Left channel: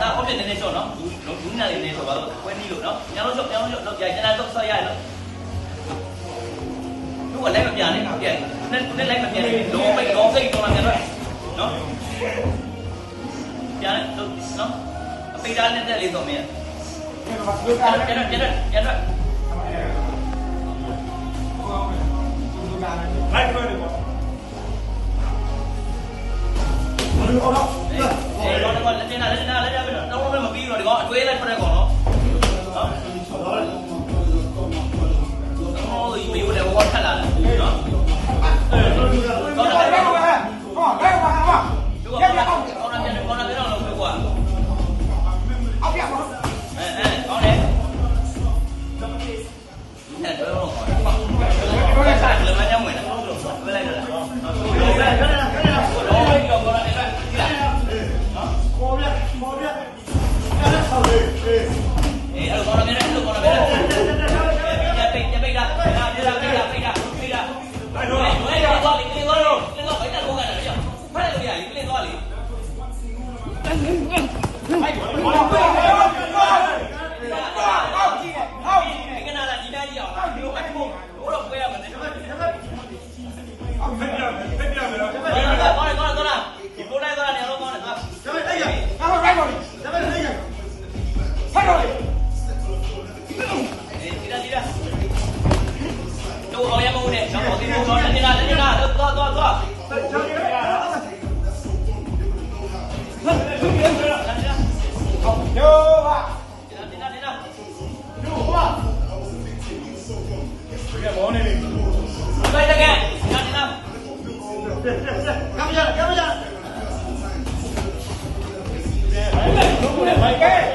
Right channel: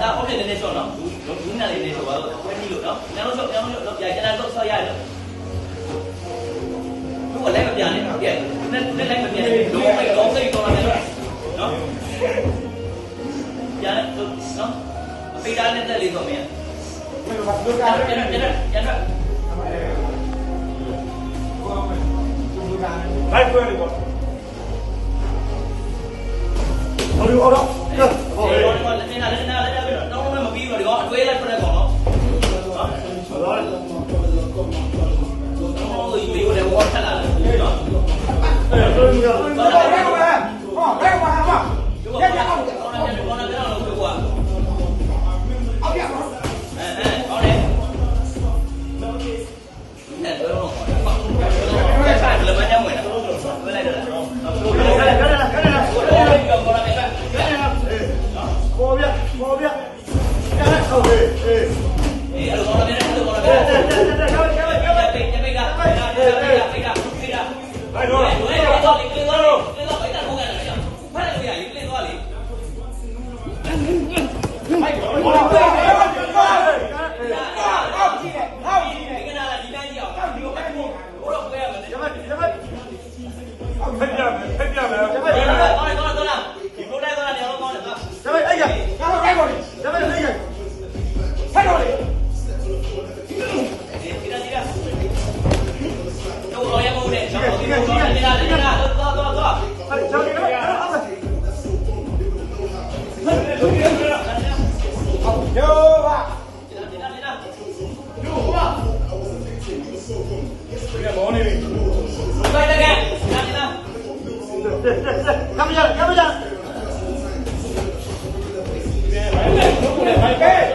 ဒါဟုတ်တယ်နည်းနည်းရှော့နော်ဘူးညာလေးနေတော့ဘာလို့ကွဲပြီးလို့နော်ညောင်းရှော့တော့ကြာကြာတော့ဆော့ရတယ်သူကလည်းမပြန်နဲ့ပြန်နဲ့လည်းမပြန်နဲ့လုံးပိုက်ကောင်းစိတ်တော်တယ်နော်ပြန်တော့နော်အပိဓာနဲ့တက်လေးတော့မင်းပြန်လိုက်ဆွဲလို့ပေါ့ဟိုလိုတော့တော့မပြီးတော့ဒီကောင်အတွေးလိုက်ပြတဲ့ကောင်နော်ဟိုဒီလိုလေဘောထက်လာတယ်နော်Come here.